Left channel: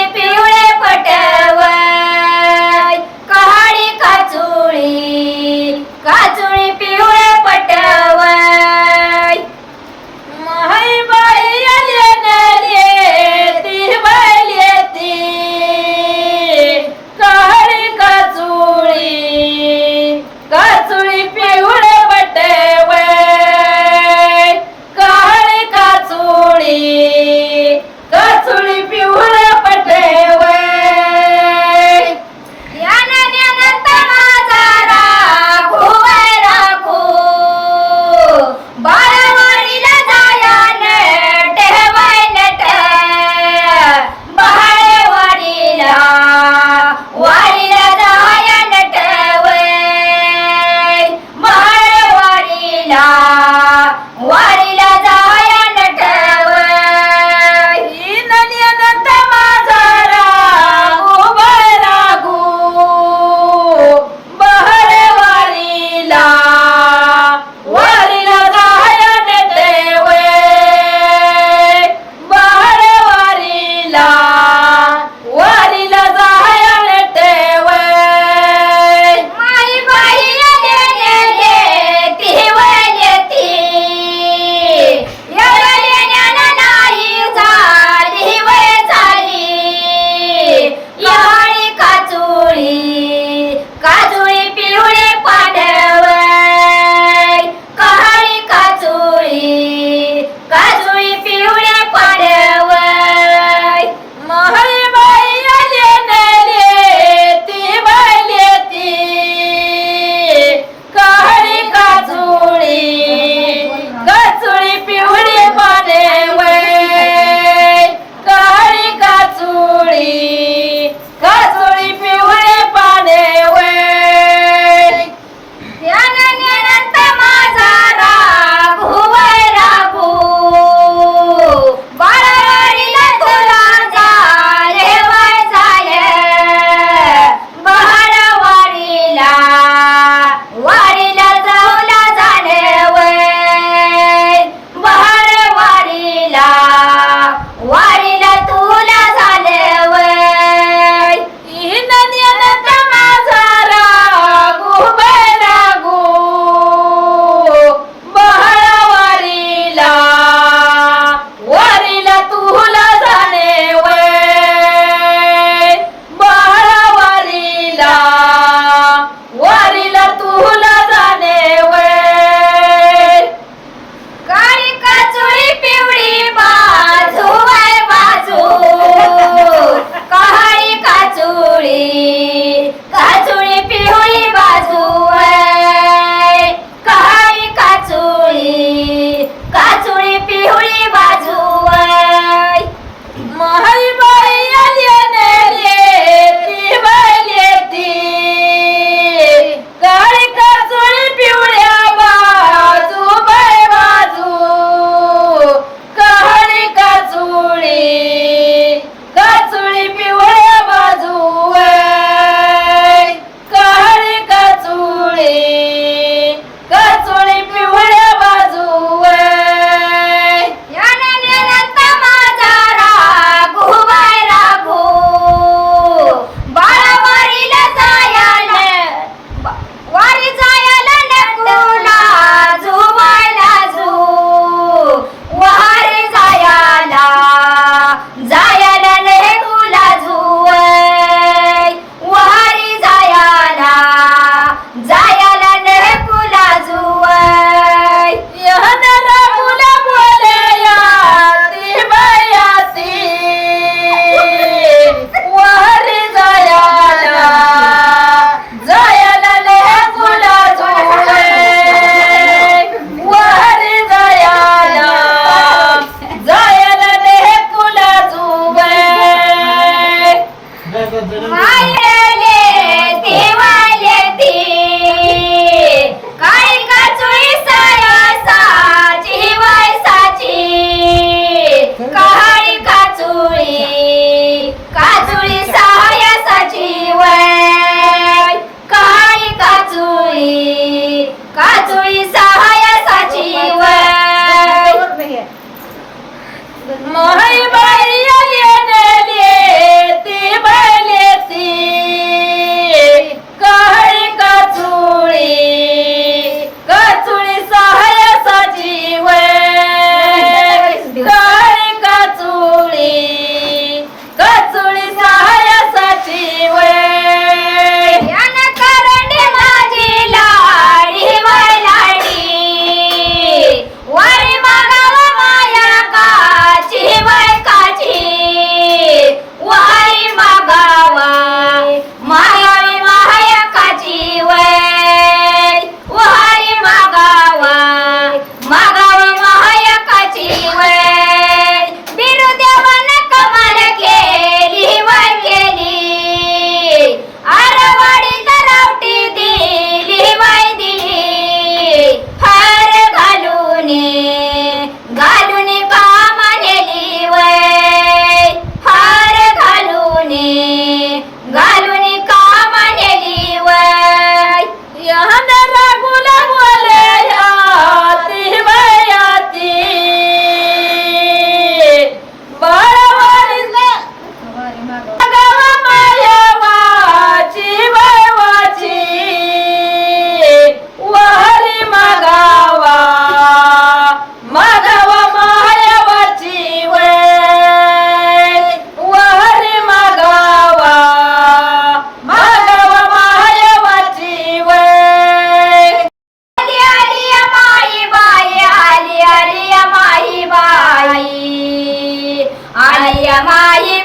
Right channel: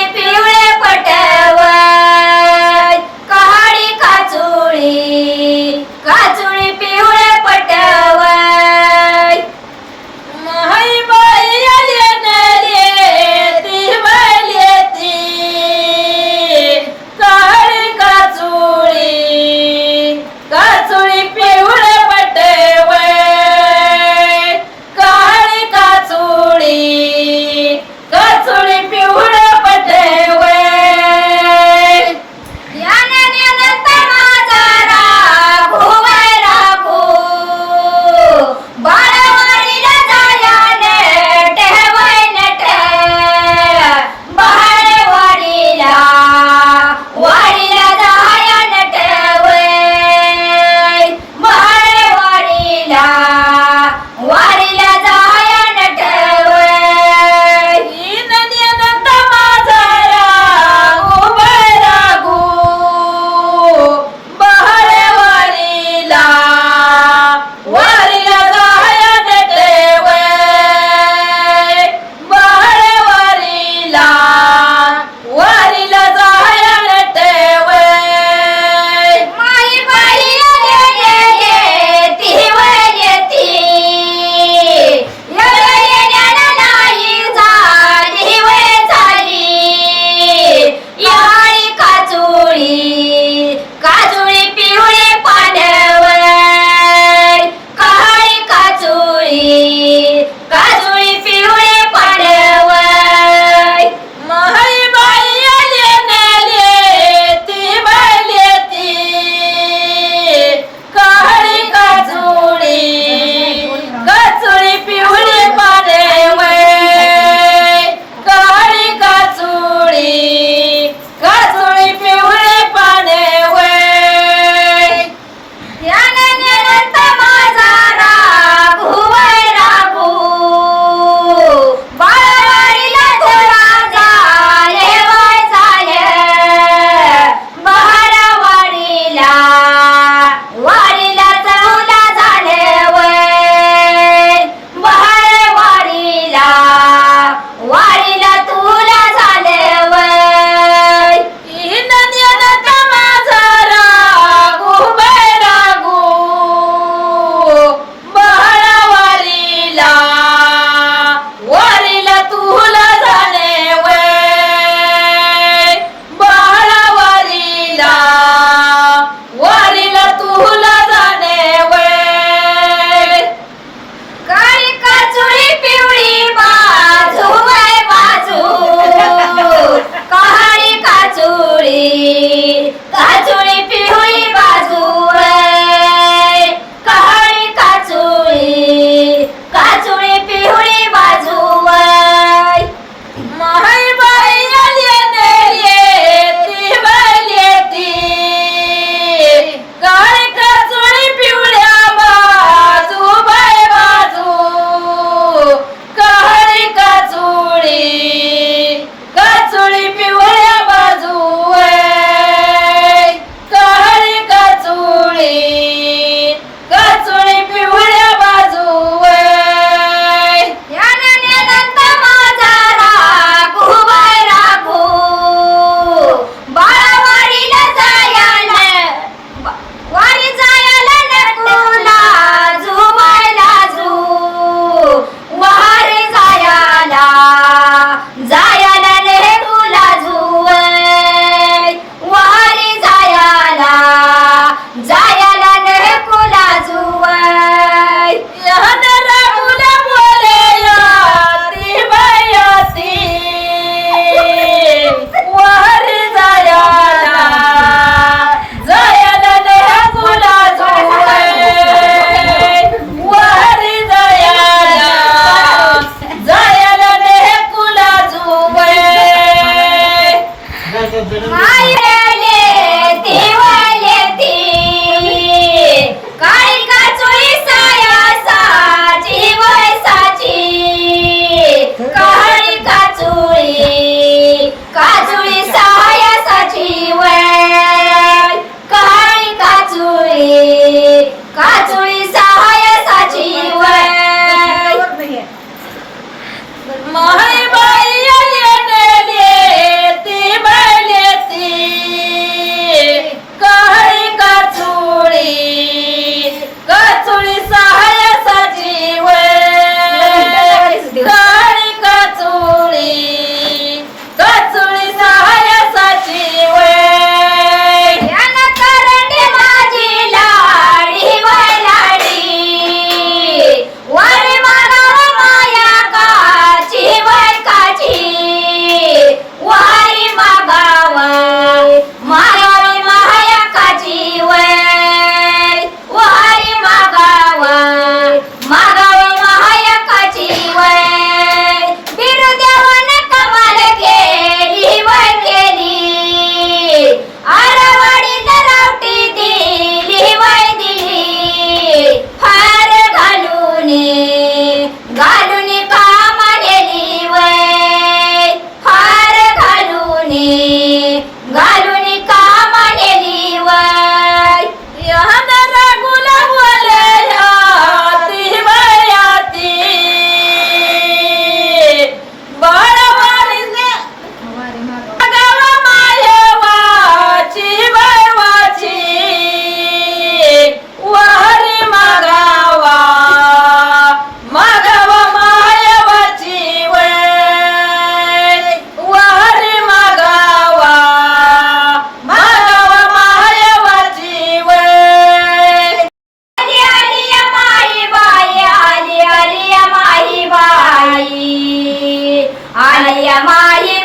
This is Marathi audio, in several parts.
Happy Maia!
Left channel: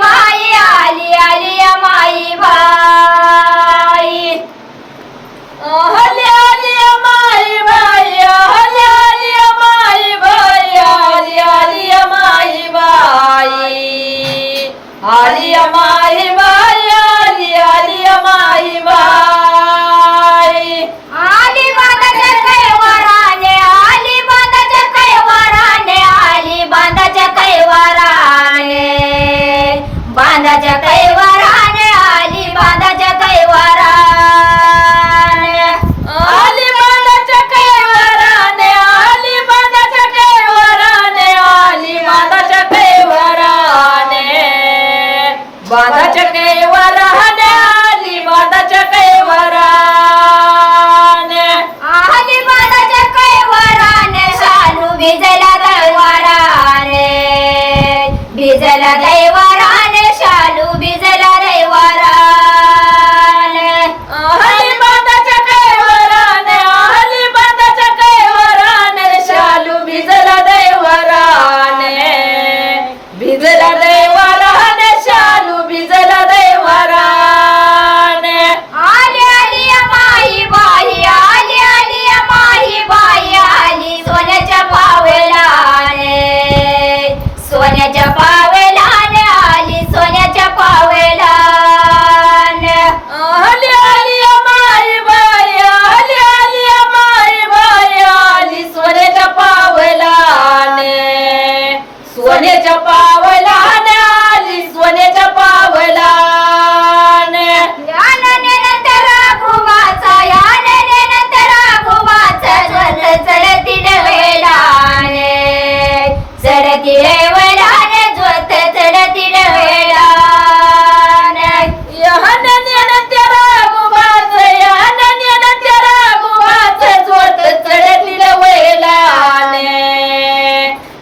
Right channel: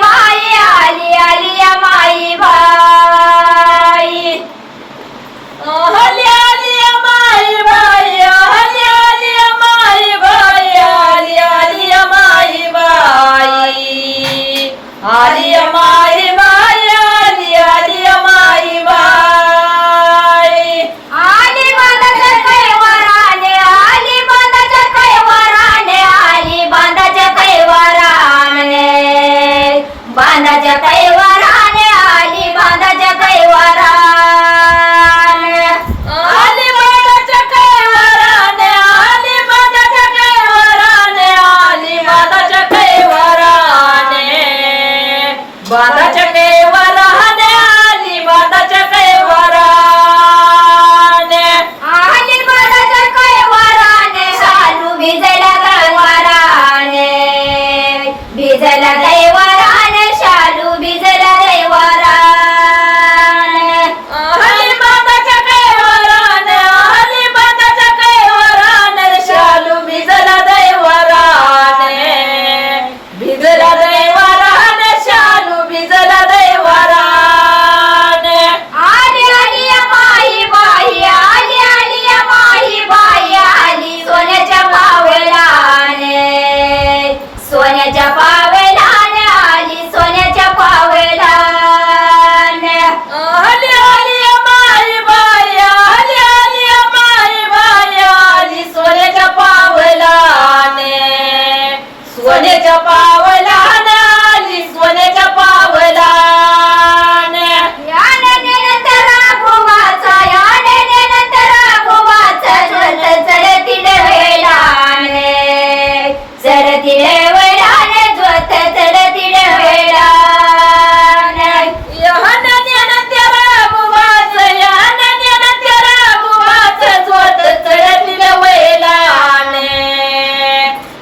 belajar apa?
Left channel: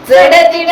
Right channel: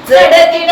चढती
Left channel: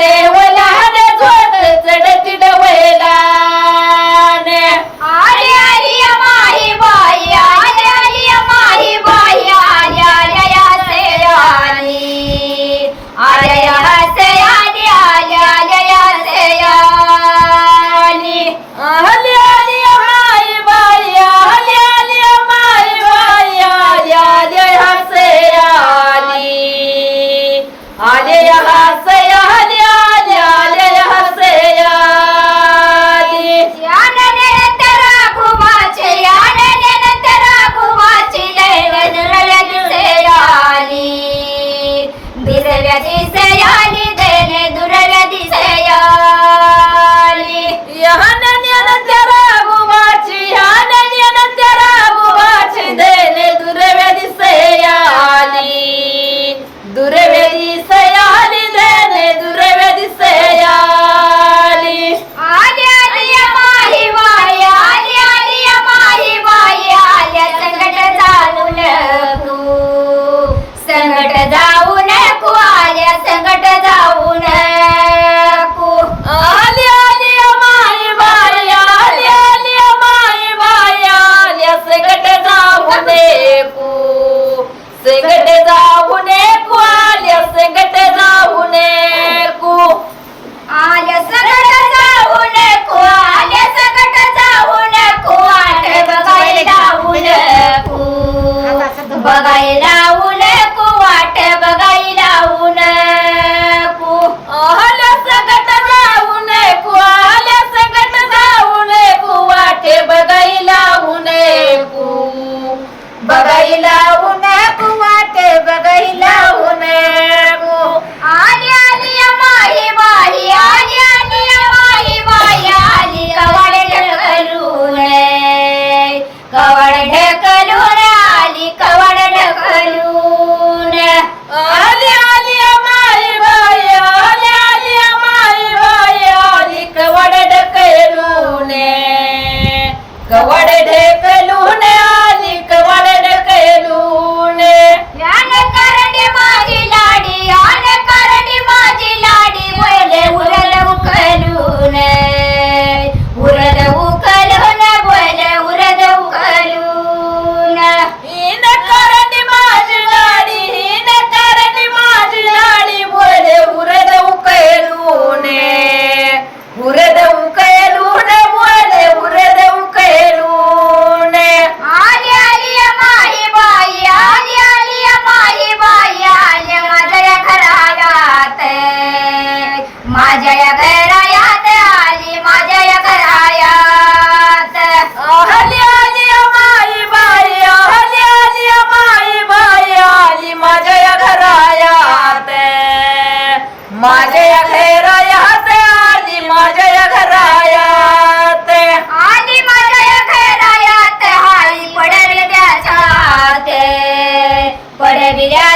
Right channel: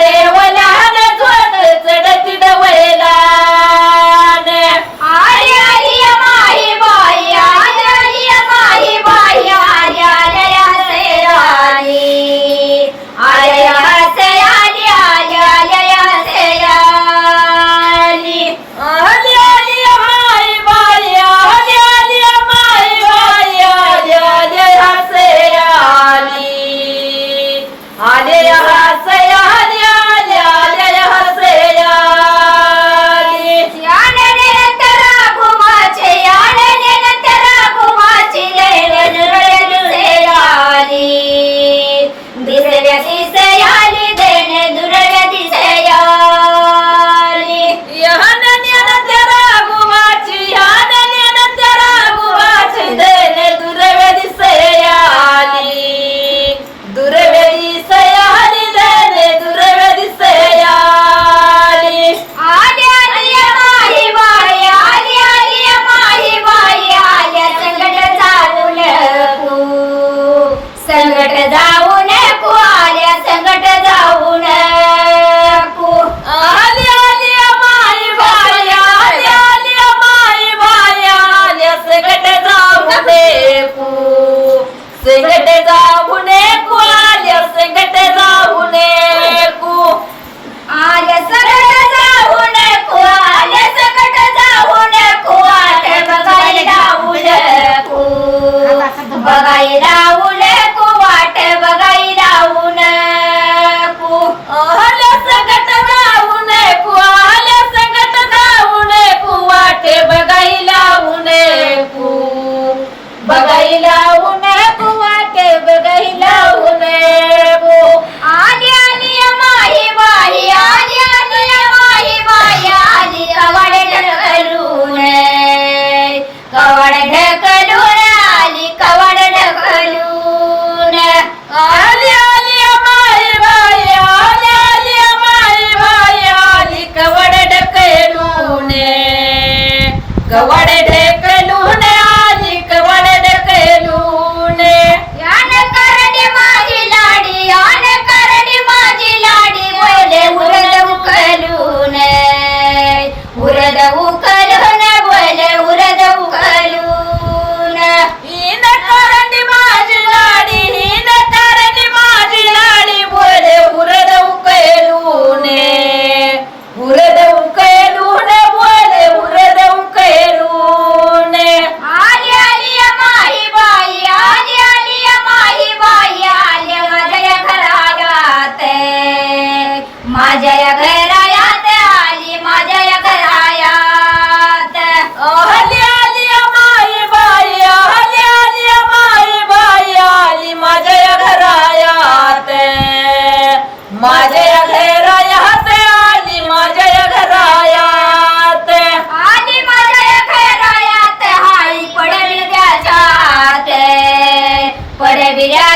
mirá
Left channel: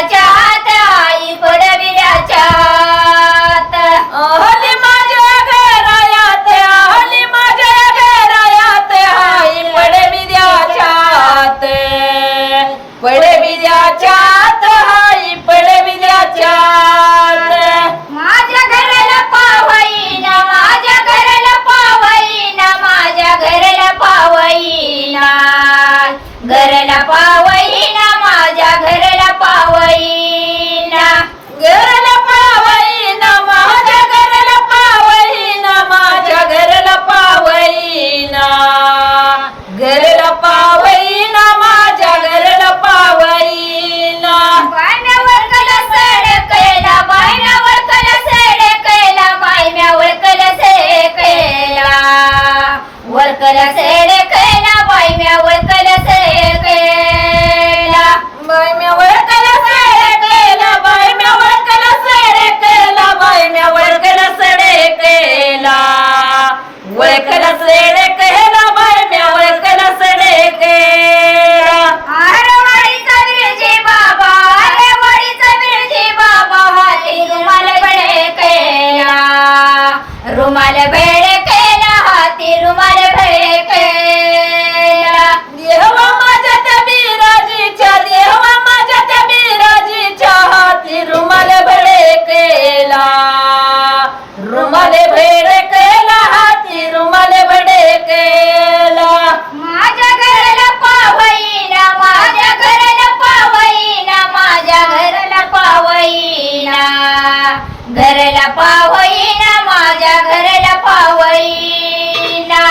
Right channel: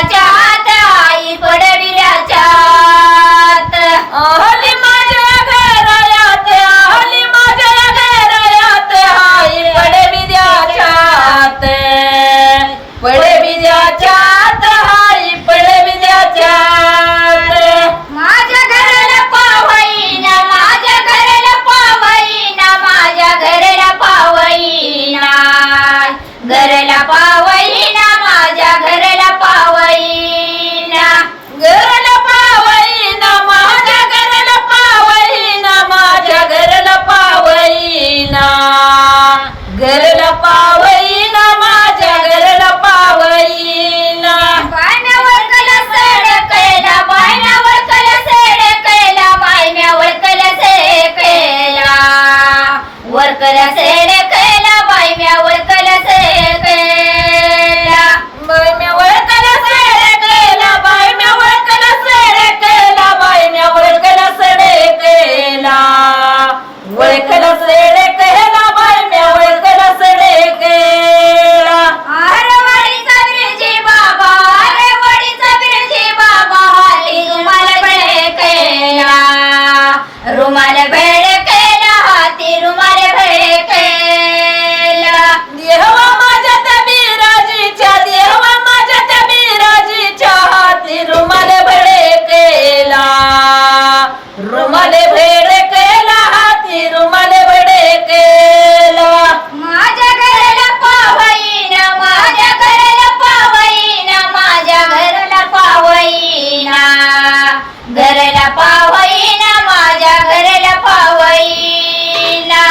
पावईना माझ्या घराला पावईना.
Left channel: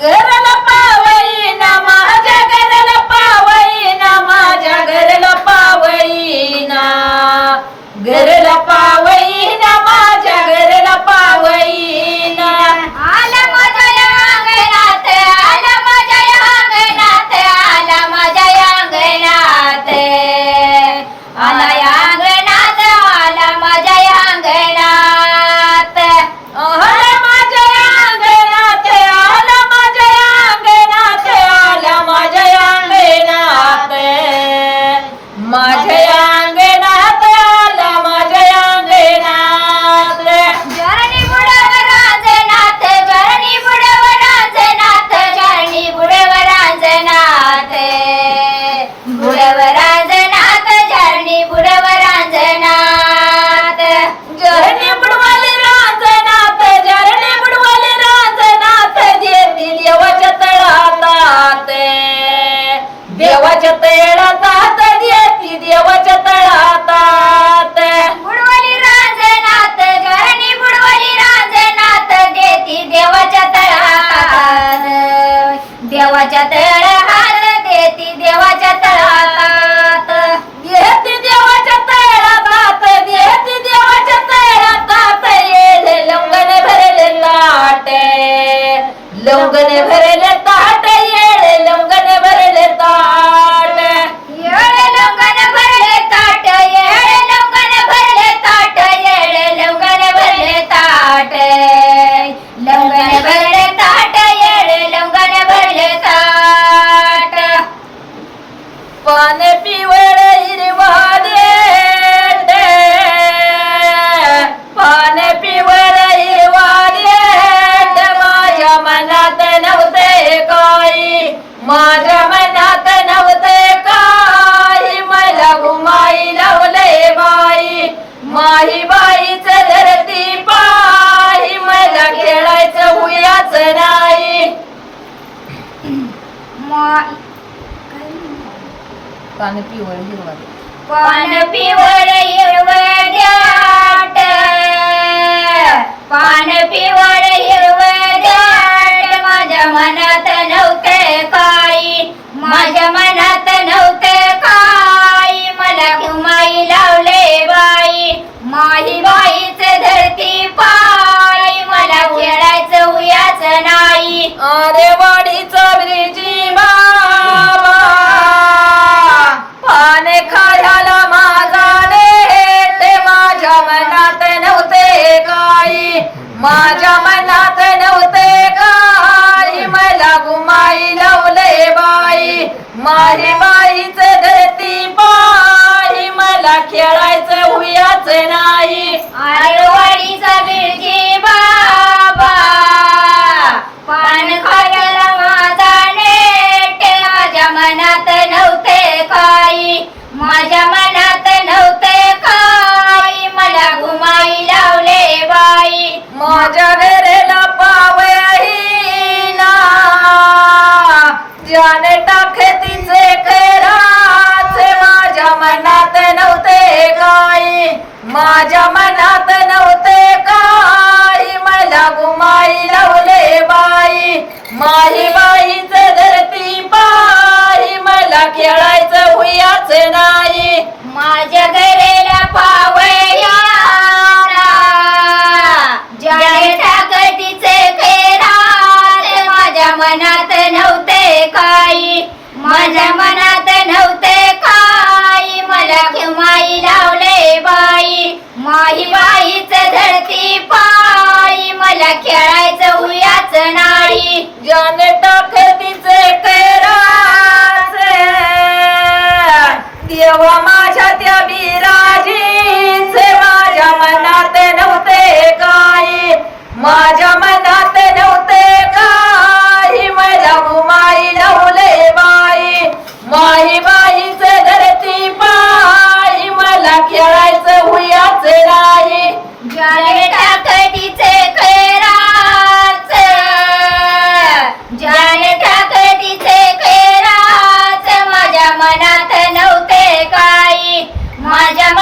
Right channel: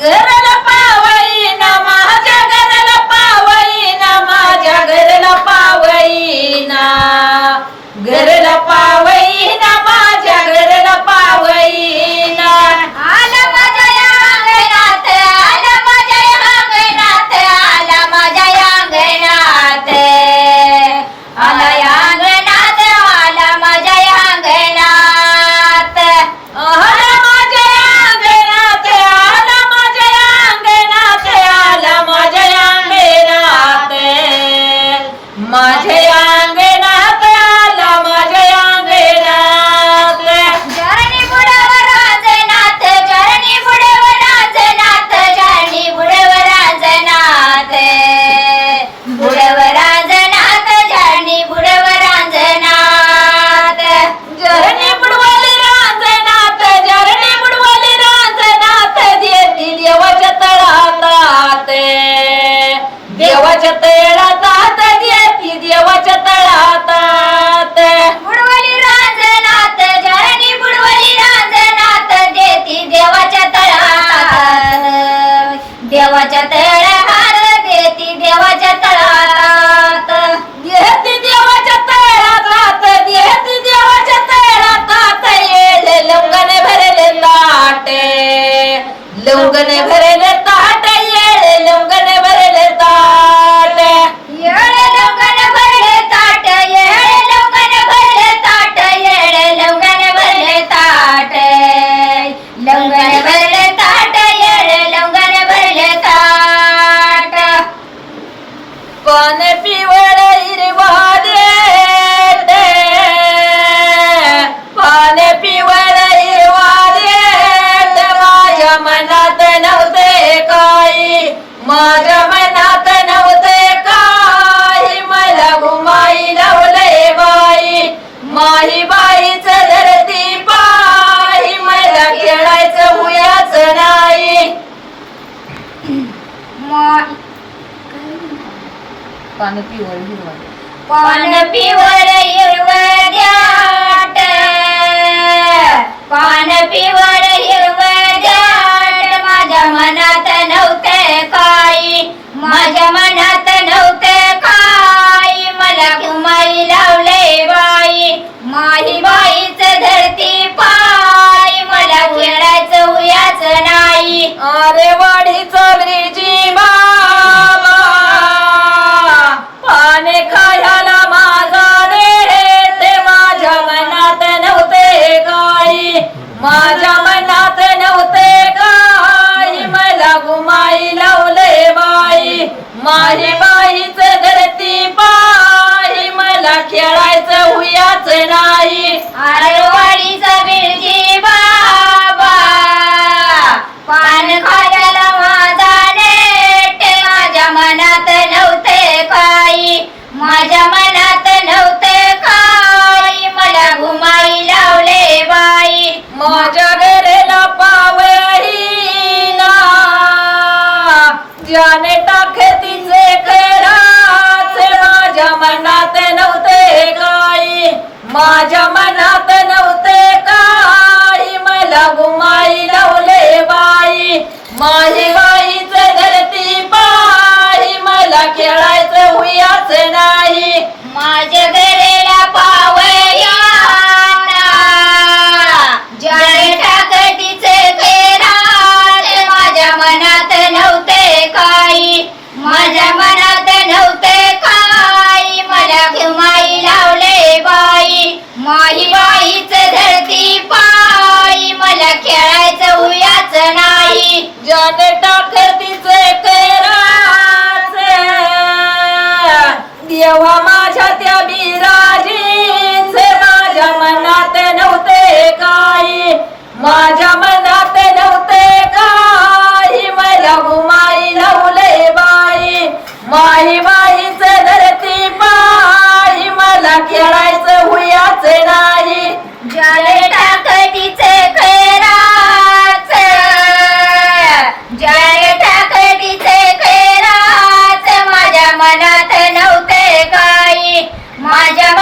घराला पावईना माझ्या घराला पावईना माझ्या घराला पावईना. घराला पावई माही बाईच धरती पाही मला खेळायचं हुयाच नाही. मा- पान पिवळ हिरवं. पान पिवर हिरवं द्याट. पान पिवर हिरवं द्याट. माझ्या मनात नव्हतं काही. माझ्या मनात नव्हतं माझी बाईच धरती पाय. मला उडायचं उयाच नाही. अरे वाडी चोरीची माझ्या मनात नव्हते काही मला गुमाई लावले बाई. माही बाईच धरती पाही. मला खेळायचं हुयाच नाही. माझ्या घरेला पावया टाकटीचे खेरात माझ्या मनात नव्हते काही. माझ्या मनात नव्हते माही बाईच धरती पाई. मला खेळायचं उयाच नाही. ज्याने टाकर तिचे कैराचे देवा माझ्या त्या बिराजीचे माझ्या मनात नव्हते काही. माझ्या मनात नव्हते काही. मला गुमाई लावले बाई. माई माईच धरती पाई मला खेळायचं हुयाच नाही. ज्याने टाकतीचे खैराच ज्याने टाकतीचे माझ्या मनात नव्हते काही. माझ्या